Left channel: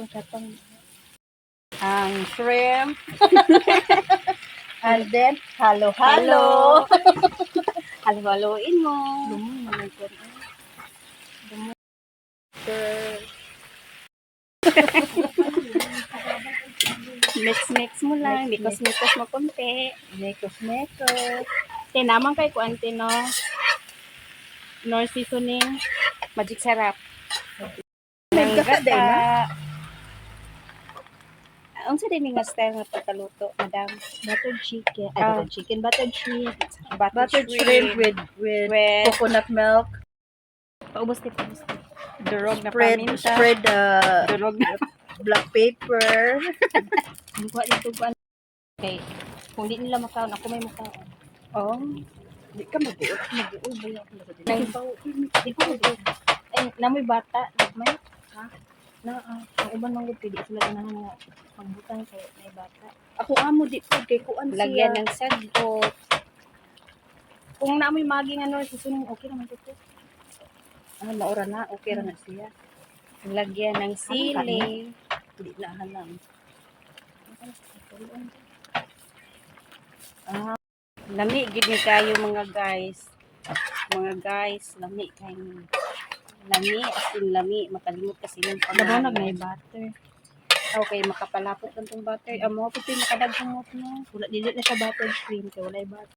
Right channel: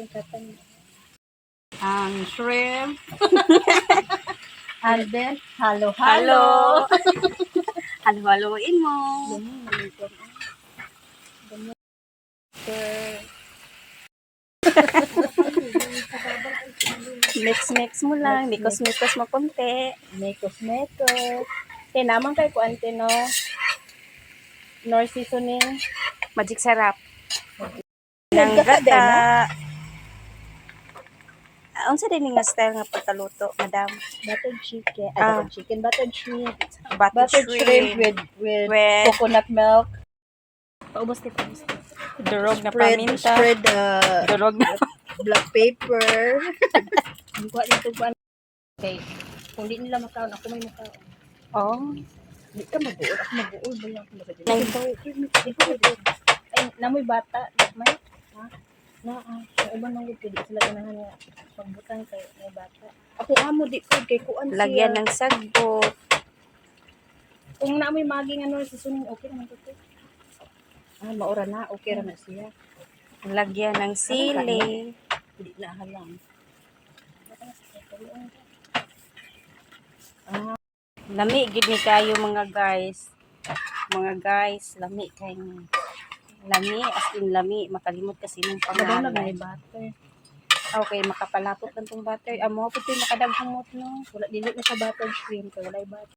itong katang. Ang shrimp. And then, halo. Halo-haloin mo. Mix mo lang. Mix. Mikos mo konti. Mekos. Tinamang kay kuante no. Nor seasoning. Magic sarap. Ng Ng gata. gata. Unsa din nga style nga pagkaluto, madam? Buttered chicken. Ah. Buttered shrimp. Buttered Shrimp with coconut milk. Paubos ka. Durog na paminta. Spread Durog na. black pepper. Ang kuha nito kuha. Okay. Kung di nila makaon, ako may makaon. Oh. Di ka mag-uol. Ako mag-uol ba lang? Di ko mag-uol. Ay, namoy bata. May, ha? Ang iba nang gud di sila ganahan nga pagbutang kay may bata. Ako amo di ko kay kuan siya. Lagyan ng sagbot. Kung naamoy maging ano susunod okay naman to. Maura na okay ra na siya. Lagyan ng sili. Di na halang. Lami gid ni kayo mga guys. Mga guys, lami kay lami as in lami makalimot kasi ng Madamag may pangalan. butter. Okay, makapalapot lang tong butter. Amo pud makadaghang mo no. Wala dili na siya buttered shrimp kay wala butter.